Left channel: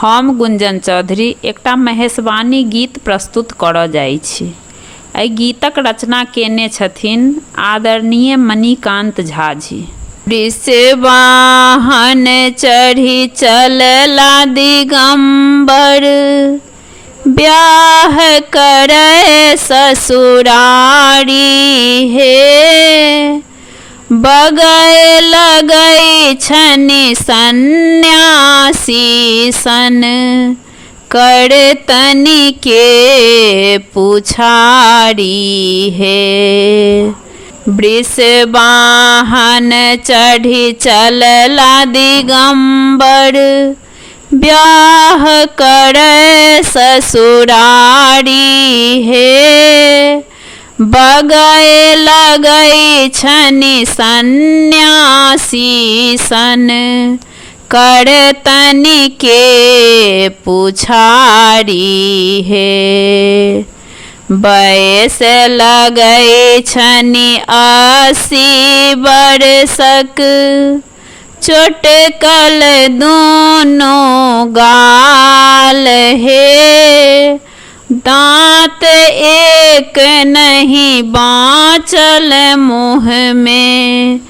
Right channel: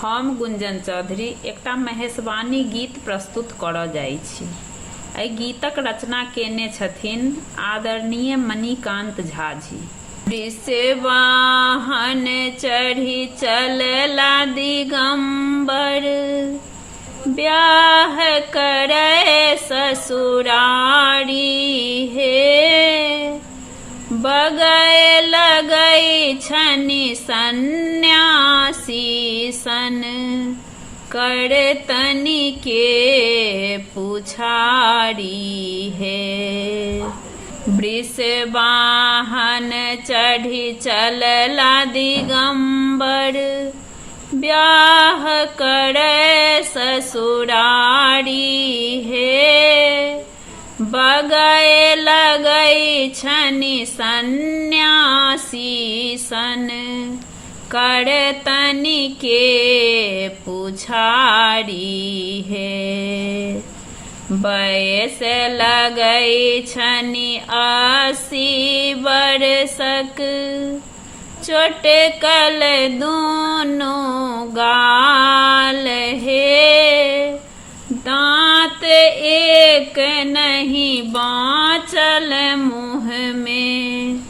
हम गुंजन चौधरी एकटा महेशवाणी गीत प्रस्तुत करऽ जाइ छी। एहि गीतक रचना केने छथिन आदरणीय मणिकान्त झा जी। वृषवाहन चढ़ी चलला दिगंबर, ब्याह करे ससुरारी हे। बगै लगै छनि सन्यासी सन, कर तनि के पुछारी हे। वृषवाहन चढ़ी चलला दिगंबर, ब्याह करे ससुरारी हे। बगै लगै छनि सन्यासी सन, कर तनि के पुछारी हे। बैस लगै छनि 80 बरसक, चोटकल दोनों गाल हे। दांत एक नहीं बाँचल मुँह में,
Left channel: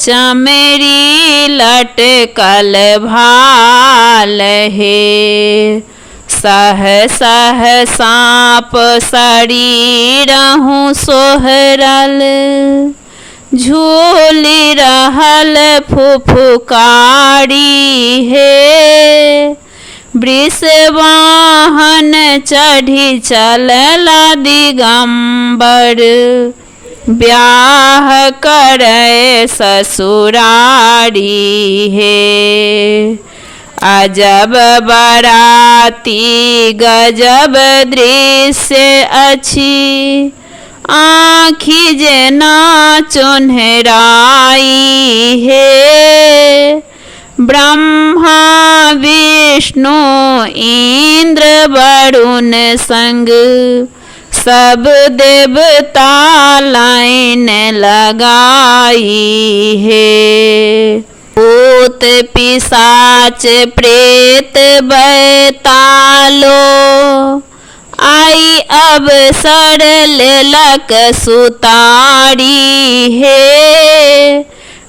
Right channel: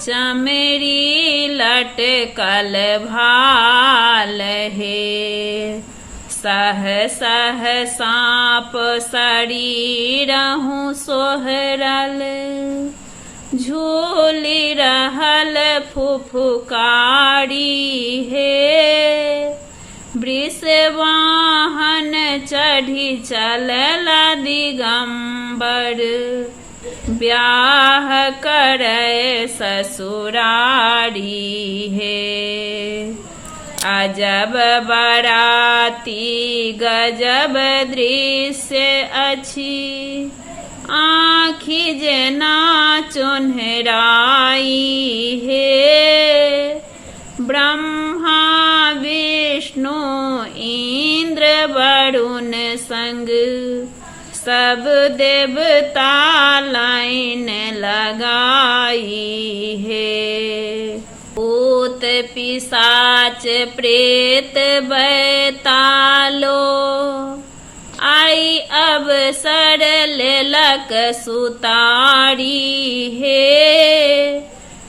चमड़ी लटकल भाल हे। सह सह साँप शरीरहु सोहरल, झूली रहल फुफुकारी हे। वृषवाहन चढ़ी चलला दिगंबर, ब्याह करे ससुरारी हे। अजब बराती गजब दृश्य अछि, आँखि जेना चोन्हराई हे। ब्रह्मा विष्णु इंद्र वरुण संग, सब देवता लाइन लगाई हे। भूत पिशाच प्रेत बैतालो, आई अवसर लेलक सुतारी हे।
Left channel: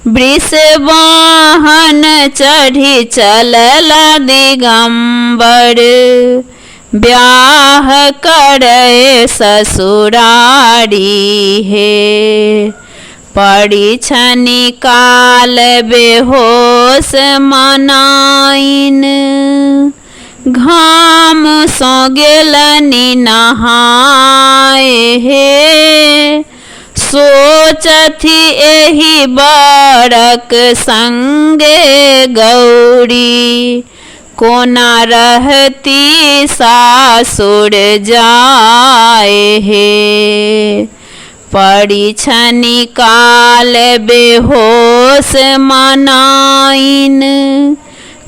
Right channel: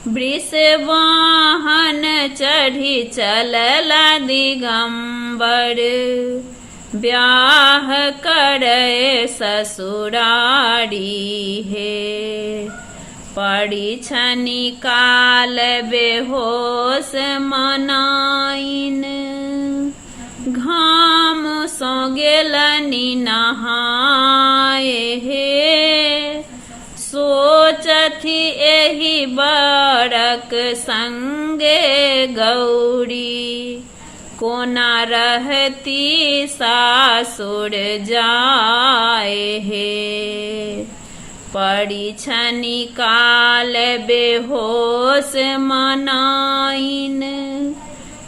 वृषवाहन चढ़ी चलला दिगंबर, ब्याह करे ससुरारी हे। पड़ी छनि काल बेहोश मनाइन, घाम सँ गेलनि नहाए हे। सोचथि एहि बरक संगे गौरी, कोना रहती सासुर जाए हे। पड़ी छनि काल बेहोश मनाइन,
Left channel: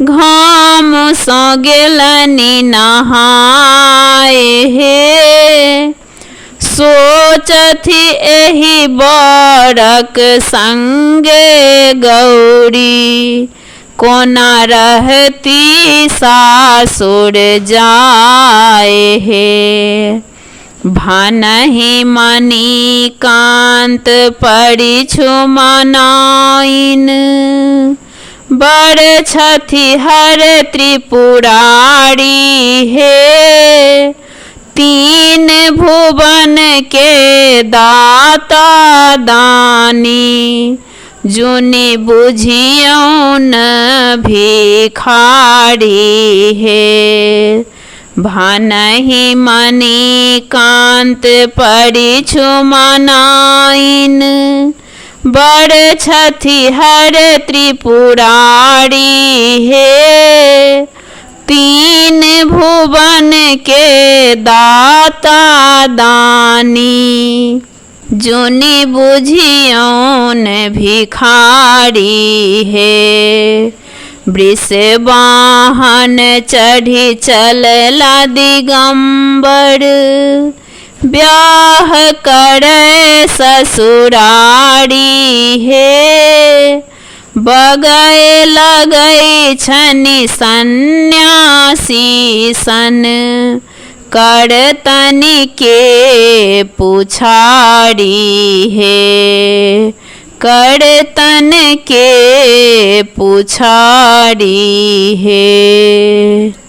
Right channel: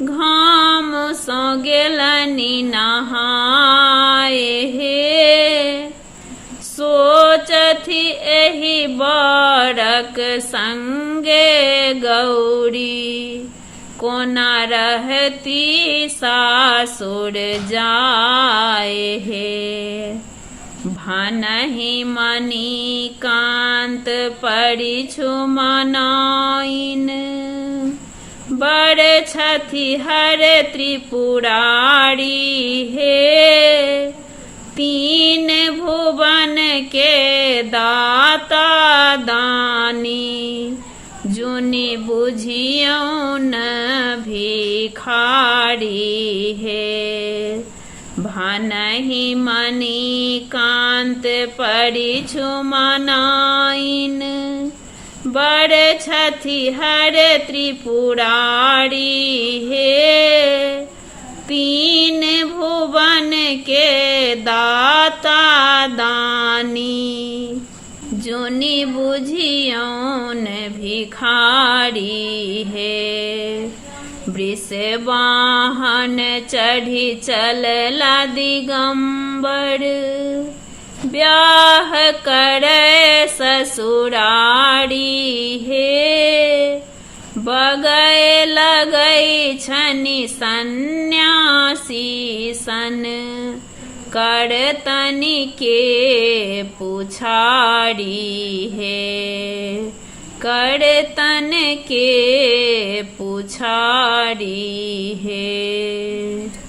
घाम सँ गेलनि नहाए हे। सोचथि एहि बरक संगे गौरी, कोना रहती सासुर जाए हे। भानहि मणिकान्त परिछु मनाइन, बड़ छथि हर त्रिपुरारी हे। तीन भुवन के दाता दानी, जुनि बुझियौन भिखारी हे। भानहि मणिकान्त परिछु मनाइन, बड़ छथि हर त्रिपुरारी हे। तीन भुवन के दाता दानी, जुनि बुझियौन भिखारी हे। वृषवाहन चढ़ी चलला दिगंबर, ब्याह करे ससुरारी हे। बगए लगै छनि सन्यासी सन, करतन के पुछारी हे, करतन के पुछारी हे।